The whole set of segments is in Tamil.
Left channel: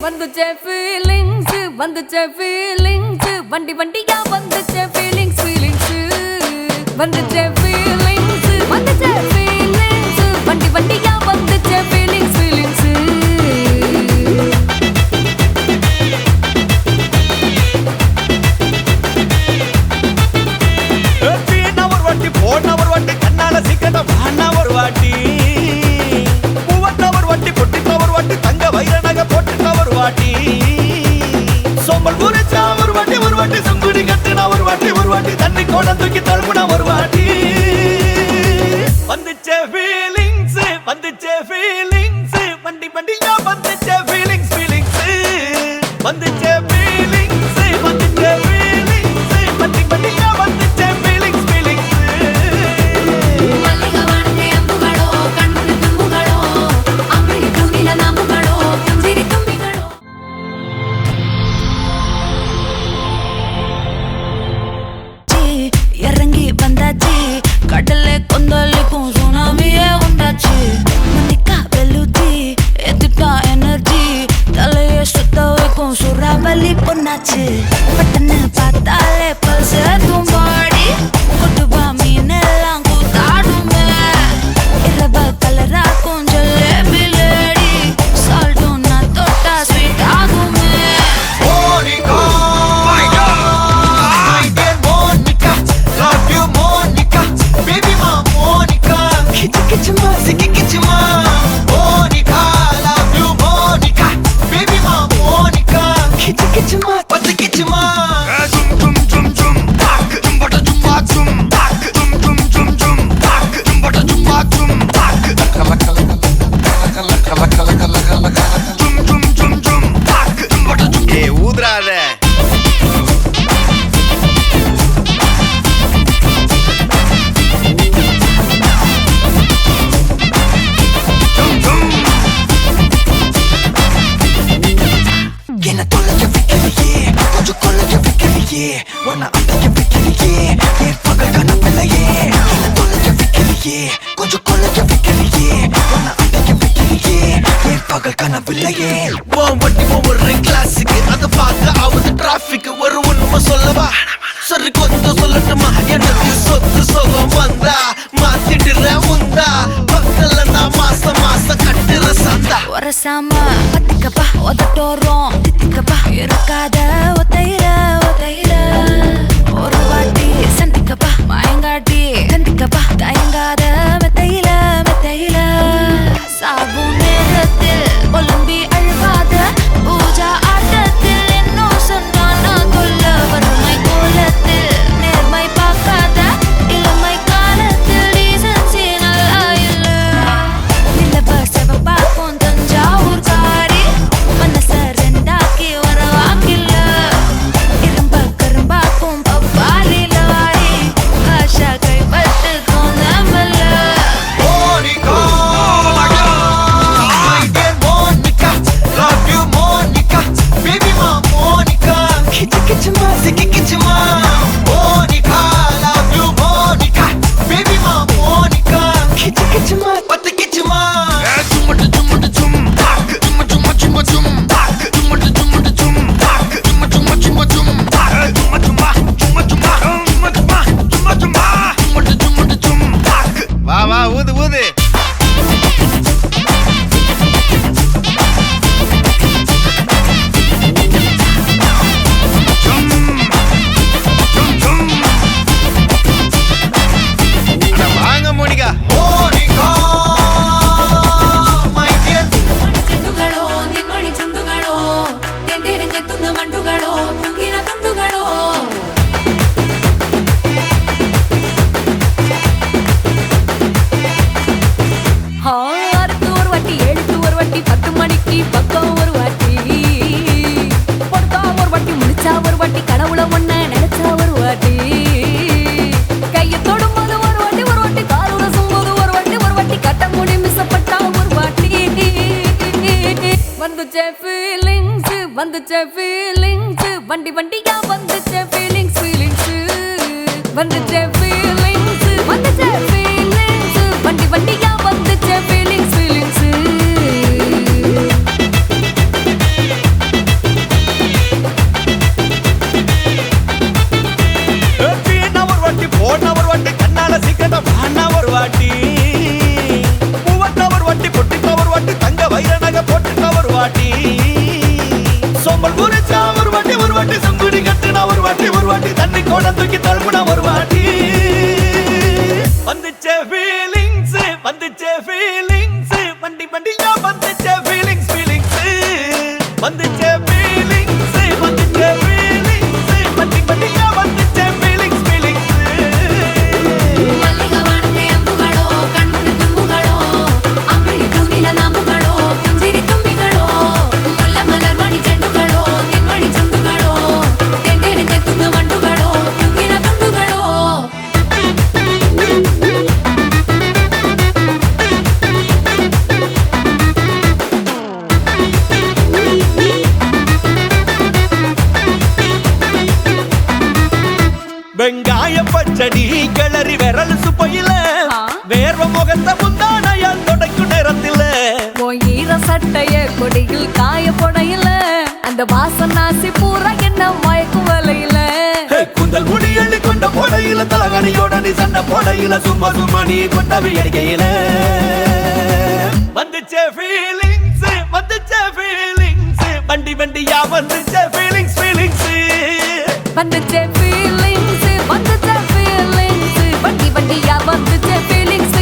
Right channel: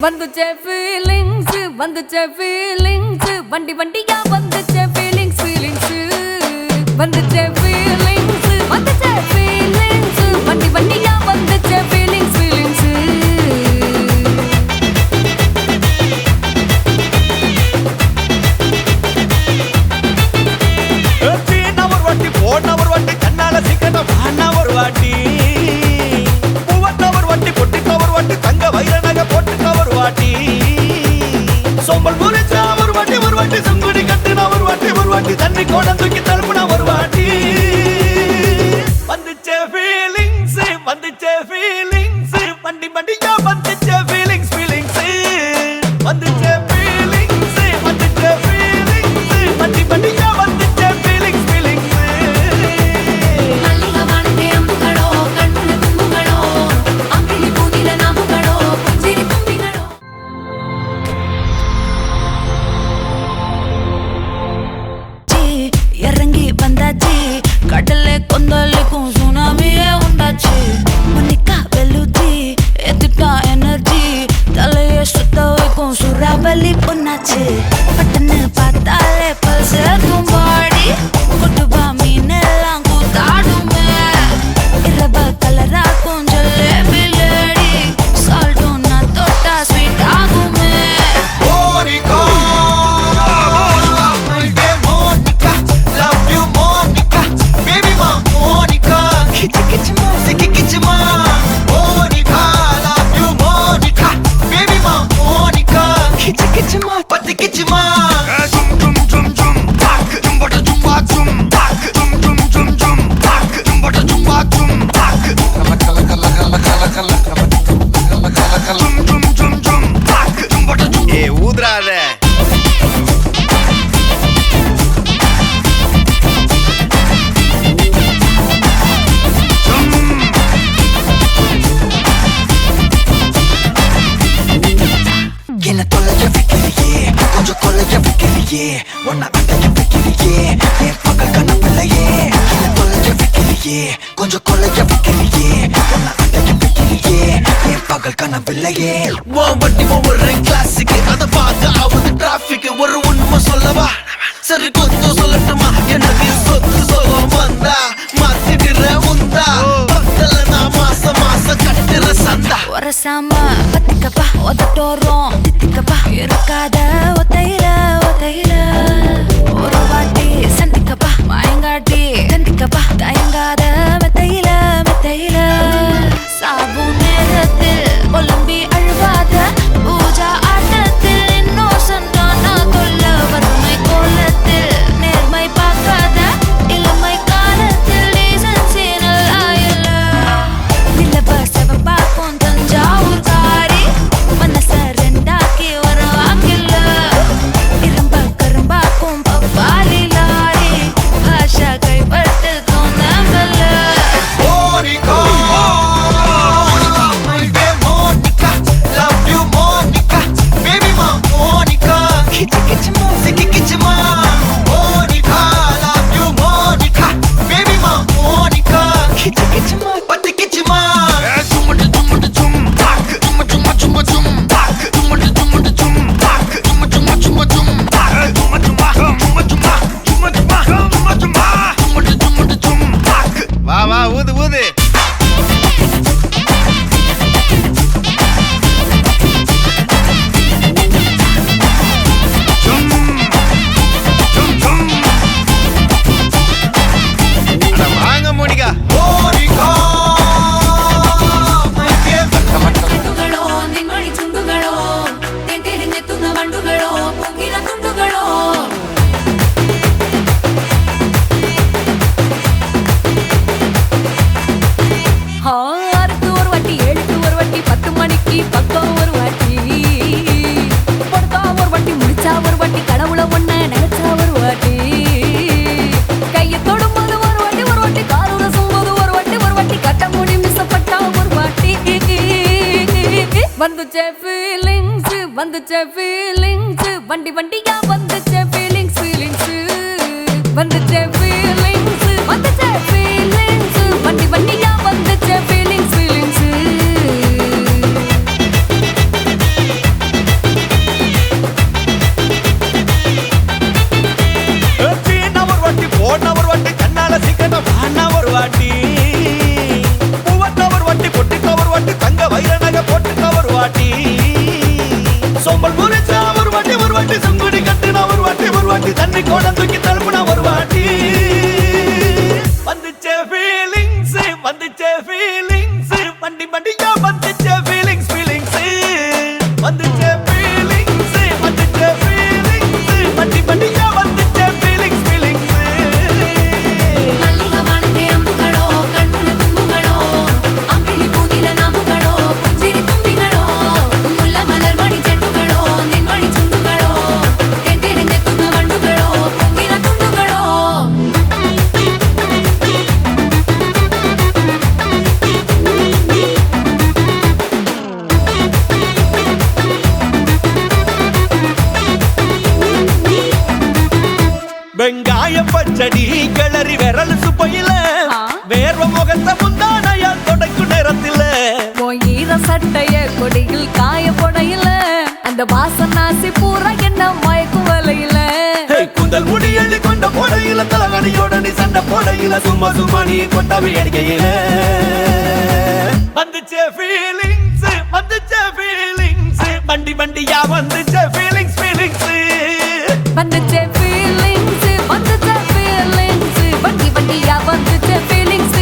வந்துச்சே ஃபீலிங்ஸ் வந்துச்சே ஃபீலிங்ஸ் வண்டி வண்டியா வந்துச்சே ஃபீலிங்ஸ் ஃபீலிங்ஸ் வந்துச்சே ஃபீலிங்ஸ் வந்துச்சே ஃபீலிங்ஸ் வண்டி வண்டியா வந்துச்சே ஃபீலிங்ஸ் ஃபீலிங்ஸ் போன ஒரு வாட்டி கண்ணால சீக்கிரமா வாண்ணா ஒரு வாட்டி பூவட்ட ஒரு வாட்டி பொட்டிட்ட ஒரு வாட்டி தங்க வைர நகை போட்டுட்ட ஒரு வாட்டி சோம்பல் முறிச்சா ஒரு வாட்டி சங்குடி கட்டின ஒரு வாட்டி தண்ணி கோட தூக்கி தழுப்புனா ஒரு வாட்டி வந்துச்சே ஃபீலிங்ஸ் வண்டி வண்டியா வந்துச்சே ஃபீலிங்ஸ் ஃபீலிங்ஸ் வந்துச்சே ஃபீலிங்ஸ் வண்டி வண்டியா வந்துச்சே ஃபீலிங்ஸ் ஃபீலிங்ஸ் இறங்கி வந்தாச்சு கடலை கொந்தளிக்கும் சுனாமியே உண்டாச்சு மணிக்கா வெளுச்சி எதுட்டா எனர்ஜி தலையை சுத்த வைக்கும் சுறாவலி பொண்ணாச்சு பட்டன்னு பார்த்தாலே பல்ஸ் தும்பாடி கொட்டுபா மீனெல்லாம் கூத்தாடுமே இரவ கலராக்கும் ஜல்லேபி லேடி சால்ட்டும் நான் தொட்டா ஸ்வீட் ஆகுமே கொஞ்சம் கொள்ளைய வைக்கிறியே உன்னை அடைய வைக்கிறியே என் பகல் கனவில்லையே வண்டி ஒவ்வொரு கிளாஸுக்கு அதை பார்க்க ஆகுது டிராபிக் ஒரு உண்மை சொல்லவா சரி கொஞ்சம் சொல்லட்டுமா என்னது சொத்து சோகம் வந்தா மாத்திடுற உந்தா பக்கத்துல நான் மாசம் கட்டுற சந்தா ஒரசாம பத்திக்கப்பா ஒதட்டோரம் தித்திக்கப்பா இருக்காத ஒத்தையில ஒரு வாட்டி சந்திக்கப்பா மாயங்காட்டி கண்டிக்கப்பா தயங்காத மெத்தையில சாபு நேரத்தில் ஒலம்பி அழுவாத பூஜா ஆட்டத்தில் இன்னும் சொன்னானா தொல்ல வறுமை கோலத்தில் நேர்மை பார்க்காத இளமை காலத்தில் டீசன்சி நல்லா இல்ல நிலவ செவப்பாக்கும் தஞ்சாவூர் காரி மனச ரெண்டாக்கி வர வாக்கில்ல இரும்ப கரும்பாக்கும் பப்பாலி லாரி பாஷா கைப்பட்டுக்கும் நம்பல வா ஊது ஊது வாங்க மோனிகா ஆறுக்கு ஒரு வாட்டி 7க்கு ஒரு வாட்டி 10 மணிக்கு பக்கம் ஒரு வாட்டி படுத்தா ஒரு வாட்டி முடிச்சா ஒரு வாட்டி கடவுளை ஒன்ன நினைச்சா ஒரு வாட்டி கையை தொடும்போது ஒரு வாட்டி கால் உரசும் போது ஒரு வாட்டி கட்ட முடி மிசப்பட்டா ஒரு வாட்டி வந்துச்சே ஃபீலிங்ஸ் வண்டி வண்டியா வந்துச்சே ஃபீலிங்ஸ் ஃபீலிங்ஸ் வந்துச்சே ஃபீலிங்ஸ் வண்டி வண்டியா வந்துச்சே ஃபீலிங்ஸ் ஃபீலிங்ஸ் வாண்ணா ஒரு வாட்டி பூவத்த ஒரு வாட்டி பொட்டித்த ஒரு வாட்டி தங்க வைர நகை போட்டுட்ட ஒரு வாட்டி சோம்பல் முறைச்சா ஒரு வாட்டி சங்குடி கட்டுனா ஒரு வாட்டி தண்ணி கோட தூக்கி தழுப்புனா ஒரு வாட்டி வந்துச்சே ஃபீலிங்ஸ் வண்டி வண்டியா வந்துச்சே ஃபீலிங்ஸ் வந்துச்சே ஃபீலிங்ஸ் வண்டி வண்டியா வந்துச்சே ஃபீலிங்ஸ் வெங்காய பச்சடி கிளறி விரல் சுப்பையில வேர்வ முகத்த முந்தானையால் தொடக்கும் நேரத்தில ஈர சட்டைய கொடியில் காய பொடையில அந்த வாசனாசி பூரா என்ன மயக்கும் வலையில கூந்தல் முடி அள்ளி கொண்ட போடையில தலவடியோட நீ சண்டை போடையில சும்மா நீ கொண்டவி எரிக்கையில வந்துச்சே ஃபீலிங்ஸ் வண்டி வண்டியா வந்துச்சே ஃபீலிங்ஸ் வந்துச்சே ஃபீலிங்ஸ் வண்டி வண்டியா வந்துச்சே ஃபீலிங்ஸ்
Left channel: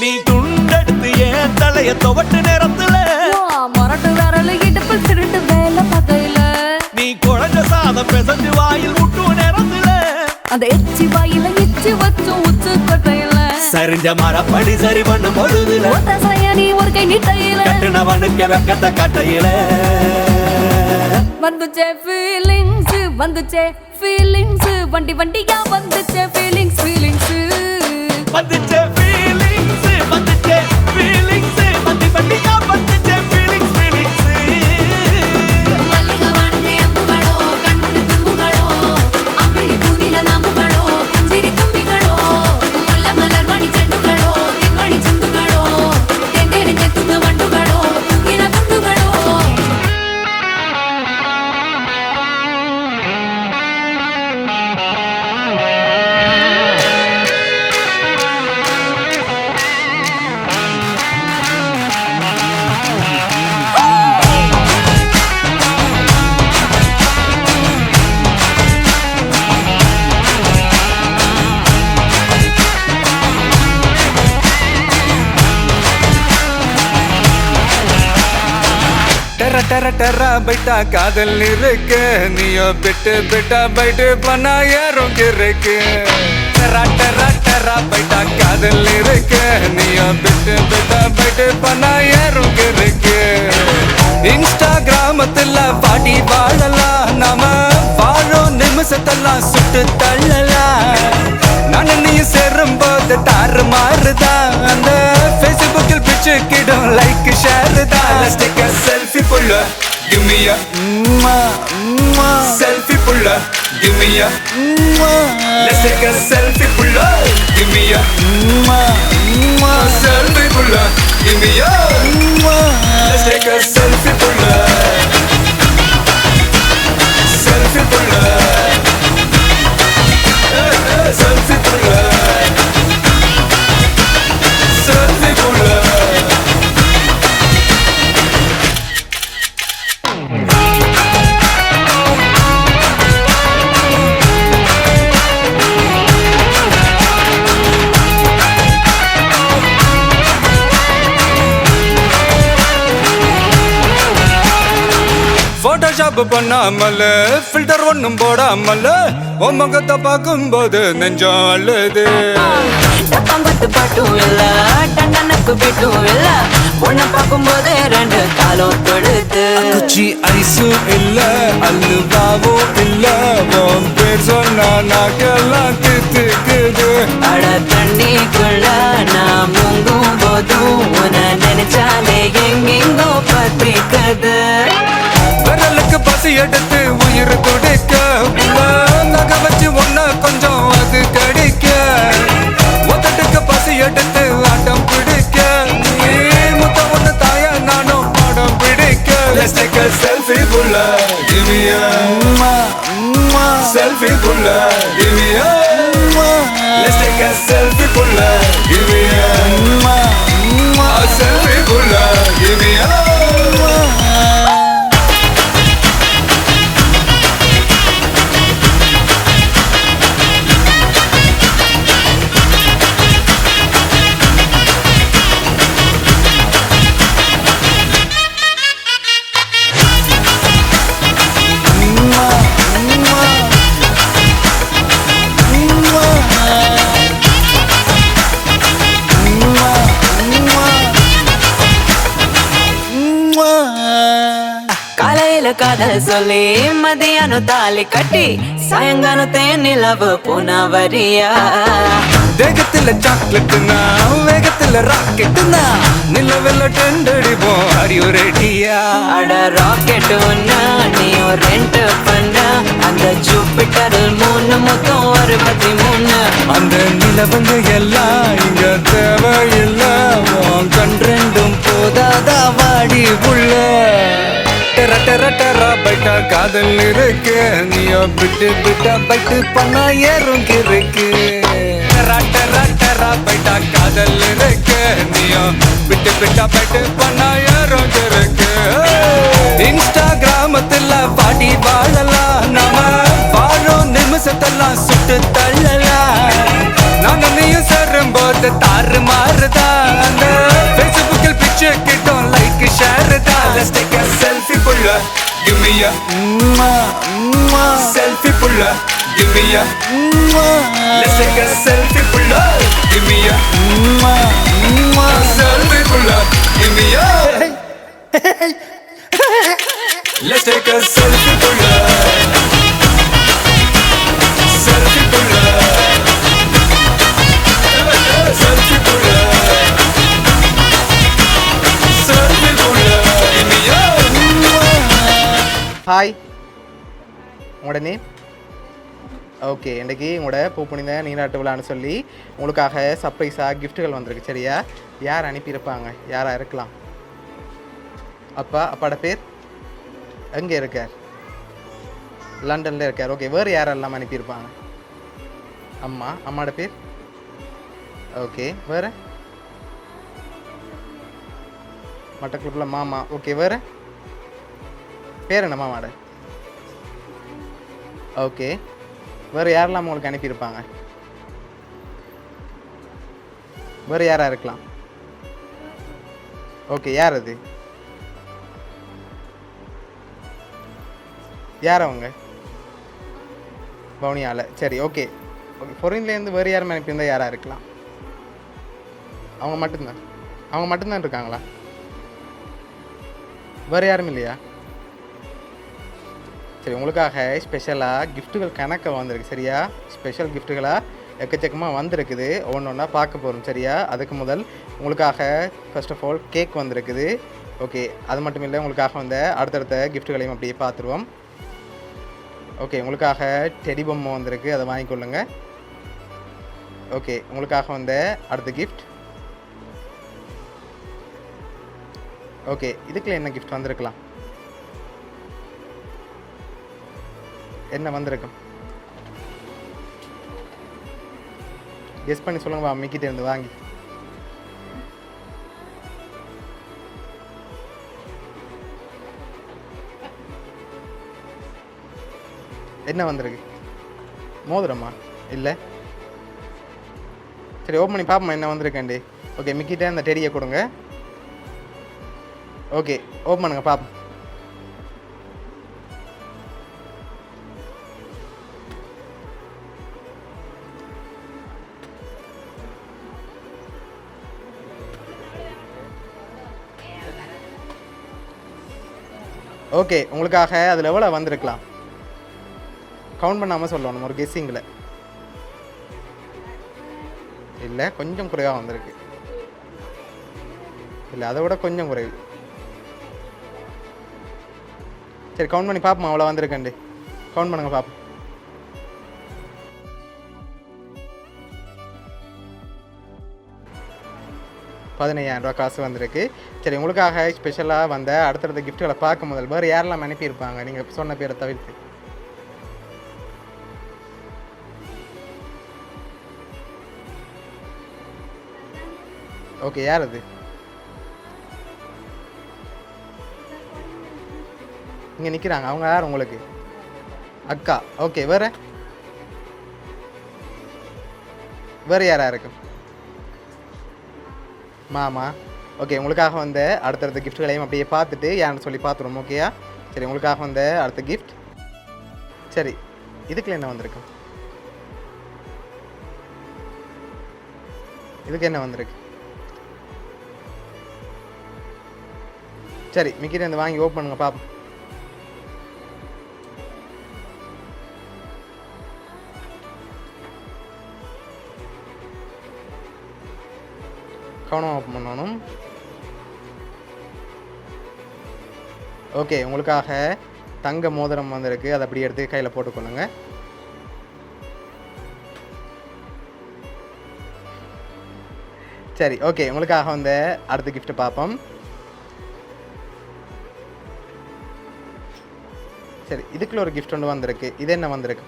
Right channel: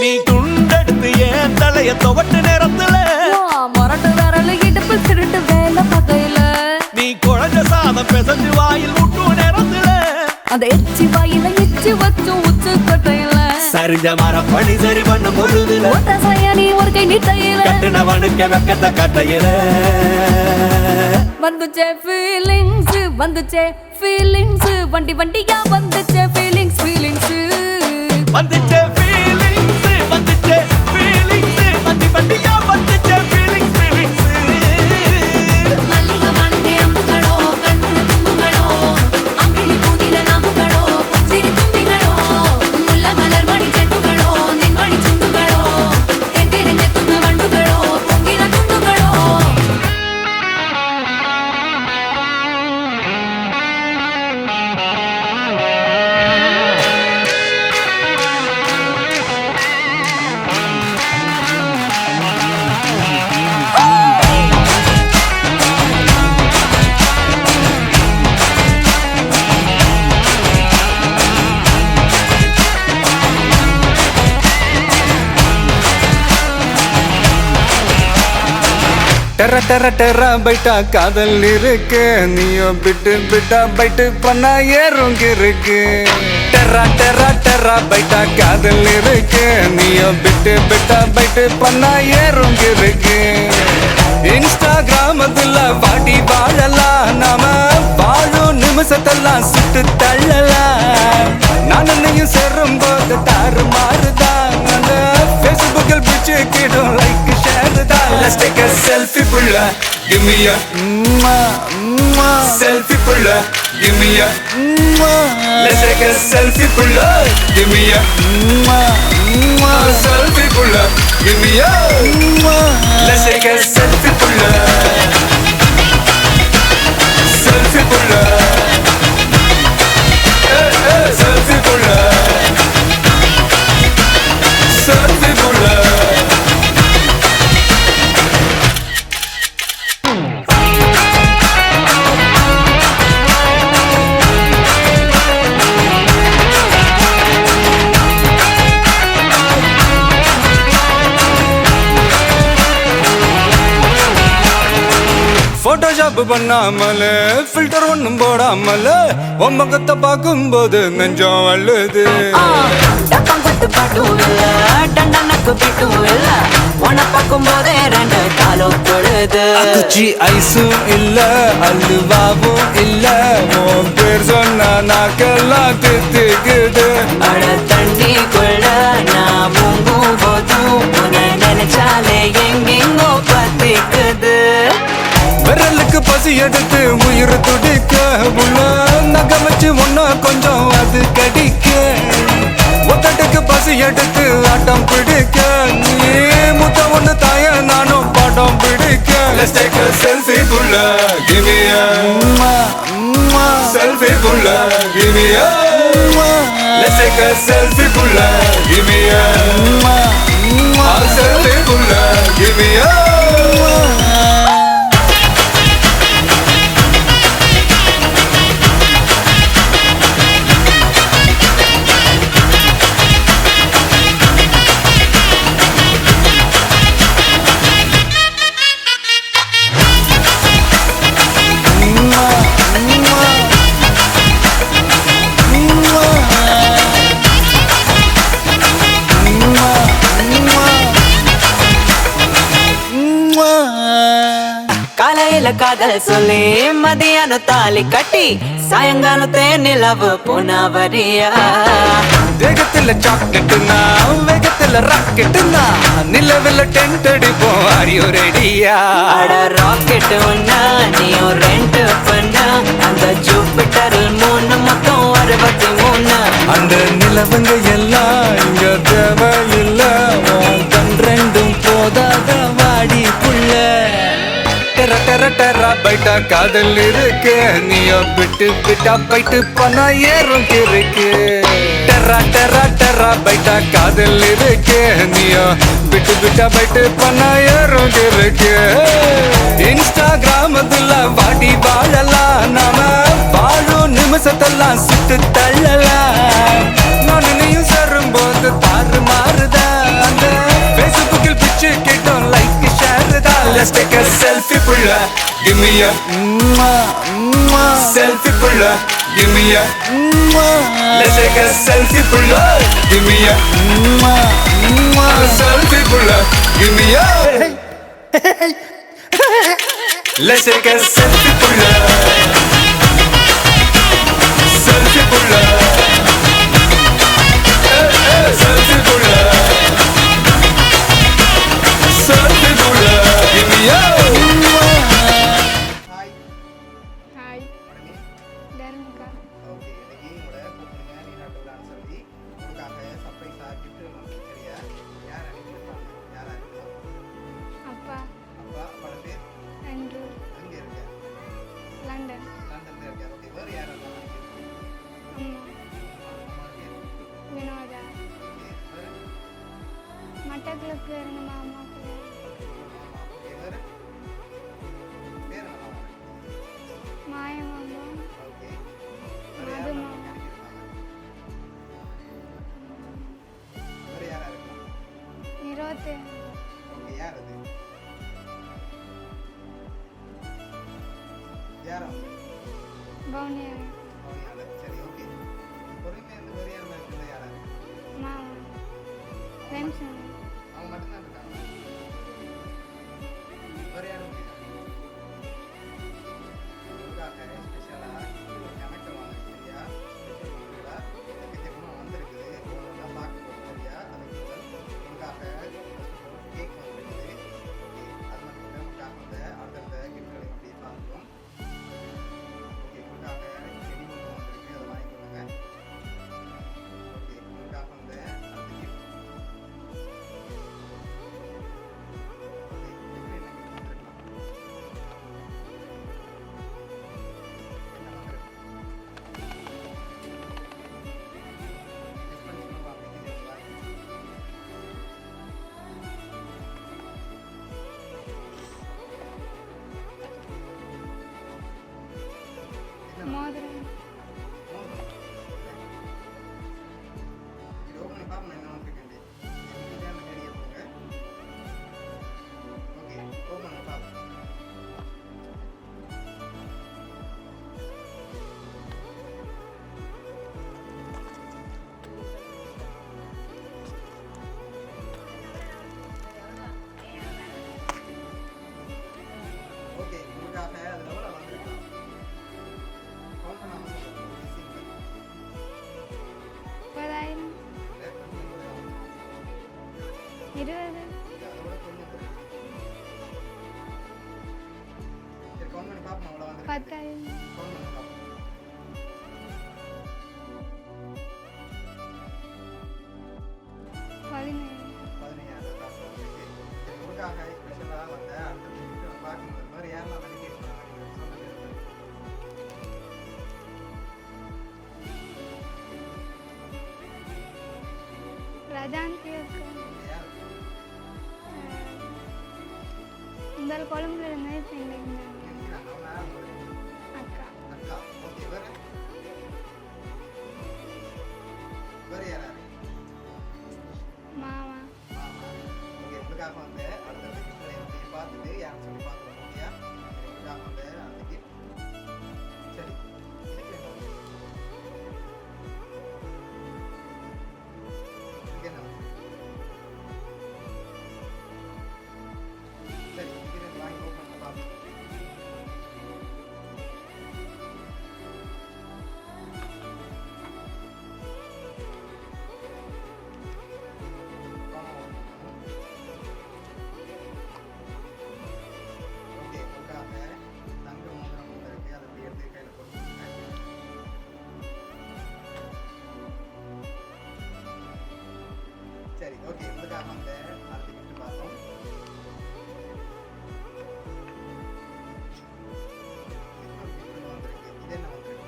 நீ துண்டெடுத்து ஏன் தலைய துவட்டு நேரத்துல மொரட்டு விரல் இடுப்பில் திருட்டு வேலை பகையில நீ குழஞ்ச சாதம் பிசைஞ்சு வாயில் விட்டு நேரத்துல அந்த எச்சி வாயில எச்சி வச்சும் உச்சு கொட்டையில சரிஞ்ச மரப்படி சரி பண்ணு பொழுதுல ஒத்த சயனி ஒரு கை நீட்டையில கட்டுனவனுக்கு வெக்கத்த கட்டையில வந்துச்சே ஃபீலிங்ஸ் வண்டி வண்டியா வந்துச்சே ஃபீலிங்ஸ் வந்துச்சே ஃபீலிங்ஸ் வண்டி வண்டியா வந்துச்சே ஃபீலிங்ஸ் டெரா பைட்டா காதல் இருக்கு நீயோ பிட்டா பைட்டு பண்ணா ஏறுங்க இருக்கு டெரா பைட்டா காதல் இருக்கு நீயோ பிட்டா பைட்டு பண்ணா ஏறுங்க இருக்கு இன்ஸ்டாகிராமத்துல வாடி வாழலாம் நாம வாழும் நிமிஷத்தெல்லாம் சுட்டு தள்ளலாம் நானும் நீ சேரும் போது தாறு மாறுதான் ஃபேஸ்புக்கில் பிச்சு கீழும் லைக் ஷேர் தான் Let's take a selfie pulla, give me a selfie pulla, give me a Let's take a selfie pulla, give me a selfie pulla, give me a Let's take a selfie pulla, selfie pulla, selfie pulla, selfie pulla. பண்ணாமல ஃபில்டர் ஒண்ணும் போடாமல உன் முகத்தை பார்க்கும்போது நெஞ்சம் அழுது ஐஸும் இல்ல அல்வாவும் இல்ல உன் பேர் சொன்னா நாக்கெல்லாம் தித்துக்குது. அட தண்ணிக்குள்ள நான் முங்கும் போதும் உன்னை நினைச்சாலே எங்கெங்கோ பத்திக்குது. விரலுக்கு பசி எடுத்து உயிர் துடிக்க உள்ள நகை வச்சு உன்ன கொஞ்சம் அது கடிக்க. ஒத்தட்டுக்கு பசி எடுத்து ஆட்டம் பிடிக்க முத்த ஒண்ணு தாய நானும் பாடம் பிடிக்க. Let's take a selfie புள்ள give me a selfie புள்ள give me a. Let's take a selfie புள்ள give me a selfie புள்ள give me a. காலையில காதல் சொல்லி மதியானம் தாலி கட்டி சாயங்காலத்தே நிலவு புனவரியா. தேகத்துல சாக்லேட்னா வேகத்துல ராக்கெட்னா நிலவில் டெண்டடிப்போம். Are you ready-யா? அட ராக்கெட் ஒன்னா நீயும் ரெண்டு பண்ணா அந்த ஜூபிட்டரில் 3 மொத்தம் 63. அந்த நிலவங்க எல்லாம் இங்க தேவையில்ல. உன் கண் ரெண்டும் போதாதா வாடி புள்ள. டெர டெர டெரா பைட்டா காதல் இருக்கு. நீயோ விட்டு விட்டா பைட்டு போனா ஏறும் இருக்கு. டெரா டெரா டெரா பைட்டா காதல் இருக்கு. நீயோ விட்டு விட்டா பைட்டு போனா ஏறும் இருக்கு. இன்ஸ்டாகிராமத்துல வாடி வாழலாம் நாம வாழும் நிமிஷத்தெல்லாம் சுட்டு தள்ளலாம். நானும் நீயும் சேரும் போது தாறு மாறுதா. ஃபேஸ்புக்கில் பிக்சர் கேட்கும் லைக் ஷேர் தான். Let's take a selfie புள்ள give me a selfie புள்ள give me a. Let's take a selfie புள்ள give me a selfie புள்ள give me a. Let's take a selfie புள்ள selfie புள்ள selfie புள்ள selfie புள்ள give me a. ஹாய், உங்களோட நேம்? ஓகே, இன்றைக்கி உங்களோட பூப்புனித நீராட்டு விழான்னு சொல்லி உங்களுக்காக சர்ப்ரைஸாக கிஃப்ட்டுகள் வந்திருக்கு. சரியா? யார் அனுப்பியிருப்பாங்க? யாராக இருக்கலாம்? அப்பா. அப்பாவோட பேர்? எங்கே இருக்கார்? லண்டனில் இருக்கார். ஓகே, வேறு யாரெல்லாம் அனுப்பியிருப்பாங்க? அம்மா. அம்மாவோட பேர்? ஓகே, வேறு? மட்டக்குளத்தில் மாமா. ஓகே, வேறு? பேர் என்ன மாமாவோட? ஓகே, வேறு யாரெல்லாம் உங்களுக்கு அனுப்பியிருப்பாங்க? வேறு யாராக இருக்கலாம்? ஓகே, யார் அது? யார் அவங்க? பவுனியால. சரி, ஓகே. ஓகே, ஃபாரின்லேருந்து வேறு யாரும் அனுப்பியிருந்தால் யாராக இருக்கலாம்? அவங்க மட்டும்தான் இருக்காங்களா? வேறு யாரும் இல்லையா? சரி, உங்களுக்காக ஸ்பெஷலாக கிஃப்ட்டுகள் கணக்க வந்திருக்கு. சரியா? ஸ்பெஷல் கிஃப்ட்டுகளாக எக்கச்சக்கமாக வந்திருக்குது. ஒன்று ஒன்றா பார்க்க போகிறோம். சரியா? அதுக்கு முதல் உங்களுக்காக ஃபர்ஸ்ட் ஆஃப் ஆல் கேக் வந்திருக்குது. ஓகே, அது மட்டும் இல்லை, உங்களுக்காக வந்த அடுத்தடுத்த கிஃப்ட்டுகளையும் அப்படியே பார்த்துருவோம். ஓகே, உங்களுக்காக டெடி பொம்மை வந்திருக்கு, அதை வாங்கிக்கொள்ளுங்க. ஓகே, உங்களுக்காக வந்த அடுத்த கிஃப்ட். ஓகே, இதுக்குள்ள என்ன கிஃப்ட் வந்திருக்கலாம்? என்ன வந்திருக்கும்? கெஸ் பண்ணி சொல்லுங்க. மிக்கிட்டே இருந்து வாங்கி. என்ன வந்திருக்கு? மோதிரமா? இல்லை. சரி, ஓப்பன் பண்ணி பார்ப்போம் என்ன வந்திருக்கேன்டி. ஓகே, மிக்கிட்டே அந்த டெடியை கொடுங்க. ஓகே, ஓப்பன் பண்ணுங்க பார்ப்போம். ஓகே உங்களுக்காக அதில் எவ்வளோ வந்திருக்கலாம் கவுண்ட் பண்ணாமல் சொல்லணும் ஒரு கெஸ்ஸிங்கில் இல்லை கொஞ்சம் குறைவாக வந்திருக்கு இல்லை அதை விட கொஞ்சம் குறைவு சரி கவுண்ட் பண்ணி பார்ப்போம் அவ்வளோ வந்திருக்கேன் கவுண்ட் பண்ணுங்க பார்ப்போம் 15,000 ரூபா காசு வந்திருக்கு சரி உங்களுக்காக ஸ்பெஷலாக வந்த அடுத்தடுத்த கிஃப்ட்டுகளை பார்க்க முதல் வேறு யாரெல்லாம் அனுப்பியிருப்பாங்க நீங்கள் சொன்ன பேரை தவிர்த்து ஓகே யார் அது இங்கே நிற்கிறாங்க அவங்க யார் உங்களுக்கு அக்கா ஓகே வேறு யாரா இருக்கு மாமா ஓகே உங்களுக்காக வந்த அடுத்தடுத்த கிஃப்ட்களையும் அப்படியே பார்த்துட்டு யாருன்னு சொல்லி பார்த்துருவோம் ஓகேயா சரி உங்களுக்காக வந்த அடுத்த கிஃப்ட் சரி இதுக்குள்ள என்ன வந்திருக்கு இதுக்கு என்ன வந்திருக்கு சரி மிக்கிட்ட இருந்து வாங்கி ஓப்பன் பண்ணுங்க பாப்போம் கவனம் ஓப்பன் பண்ணணும் ஓகே உங்களுக்காக தங்க மோதிரம் வந்திருக்கு அதை அப்படி எடுத்து கையில் போட்டுக்கொள்ளுங்க சரி ஓகே உங்களுக்காக வந்து அடுத்த கிஃப்ட் பார்ப்போம் சரி இதுக்குள்ள ஒரு கிஃப்ட் ஒன்று வந்திருக்கு இது என்ன வந்திருக்கு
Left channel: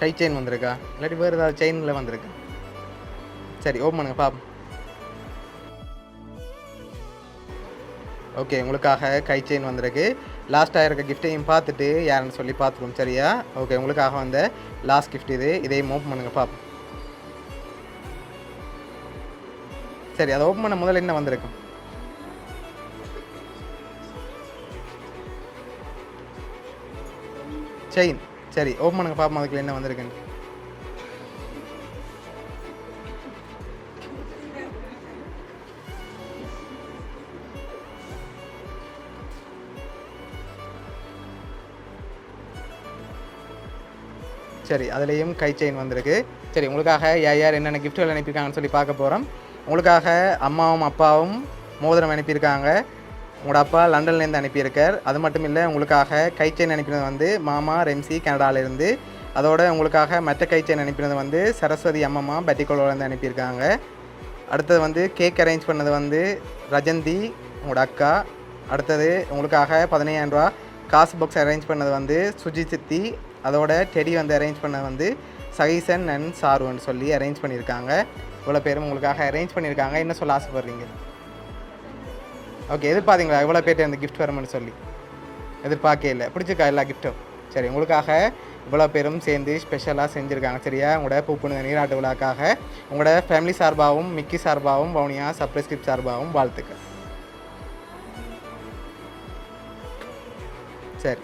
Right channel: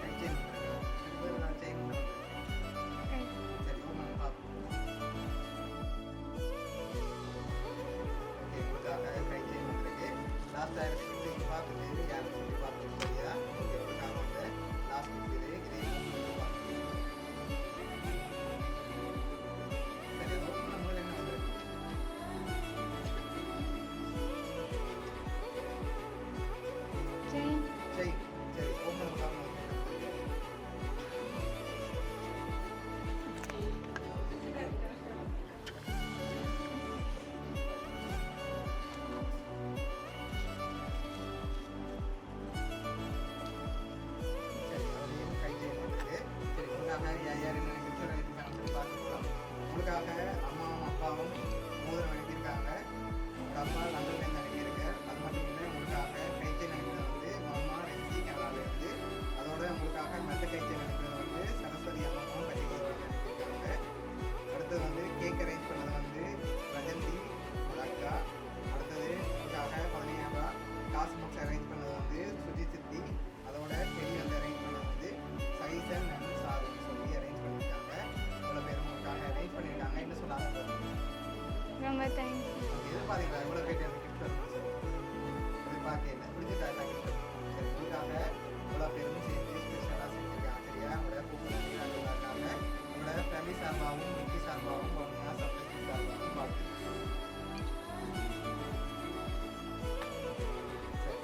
கை செயின் வந்திருக்கா இல்லாட்டி வேறு ஏதாவது செயினில் வந்திருக்கு சரி ஓப்பன் பண்ணுங்க பாப்போம் ஓகே உங்களுக்காக கை செயின் வந்திருக்கு லாஸ்ட்டாக இருக்க கிஃப்ட்டையும் பார்த்துட்டு யாருன்னு சொல்லி பார்த்துருவோம் சரியா ஓகே உங்களுக்காக வந்த லாஸ்ட் கிஃப்ட் இதையும் ஓப்பன் பண்ணுங்க பாப்போம் சரி அதை ஓப்பன் பண்ண முதல்ல என்ன வந்திருக்கு செயின் சரி ஓப்பன் பண்ணுங்க பாப்போம் அதுக்குள்ள என்ன வந்திருக்குன்னு சரி அதுலேயும் கை செயின் வந்திருக்கு சரி உங்களுக்காக யார் என்னென்ன கிஃப்ட்கள் அனுப்பியிருக்காங்கன்னு சொல்லி பார்க்க போகிறோம் உங்களுக்காக அம்மாவும் அப்பாவும் மோதிரம் அனுப்பியிருக்காங்க உங்களோட அப்பா லண்டன்லேருந்து அனுப்பியிருக்கார் அது மட்டும் இல்லை உங்களுக்காக கை செயின் அனுப்பினது வந்து மாமா ரெம்சி கனடாவிலேருந்து அதோட உங்களுக்காக மற்ற கை செயின் அனுப்பினது வந்து சரஸ்வதி அம்மம்மா பட்டிக்கோலேருந்து அனுப்பியிருக்காங்க அடுத்தது வந்து கேக் அரேஞ்ச் பண்ணது வந்து ரஜந்தி உங்களோட அக்கா அடுத்தது உங்களுக்காக 15,000 ரூபா காசு பாக்ஸ் அரேஞ்ச் பண்ணது வந்து சுஜி சித்தி அதோட டெடி வந்து அரேஞ்ச் பண்ணது வந்து சகிசன் அண்ட் சாருன்னு சொல்லி அரேஞ்ச் பண்ணியிருக்காங்க இவ்வளோ பேரும் உங்களுக்காக அரேஞ்ச் பண்ணியிருக்காங்க என்ன சொல்ல ஆசைப்படுறீங்க ஓகே எதிர்பார்த்தீங்களா எவ்வளோ பேர்ட்டு அந்த கிஃப்ட் வரும்னு சொல்லி எதிர்பார்க்கே இல்லை பிடிச்சிருக்கா எல்லா கிஃப்ட்டும் சரி உங்களுக்காக இவ்வளோ பேரும் சேர்ந்து ஸ்பெஷலாக செஞ்சுருக்காங்க சரியா உங்களோட பூப்புனித நீராட்டு விழாக்காக உங்களோட ஃபேமிலி சார்பாகவும் மிக்கி சார்பாகவும் வவுனியா சர்ப்ரைஸ் கிஃப்ட் சார்பாகவும் வாழ்த்துக்கள் சரி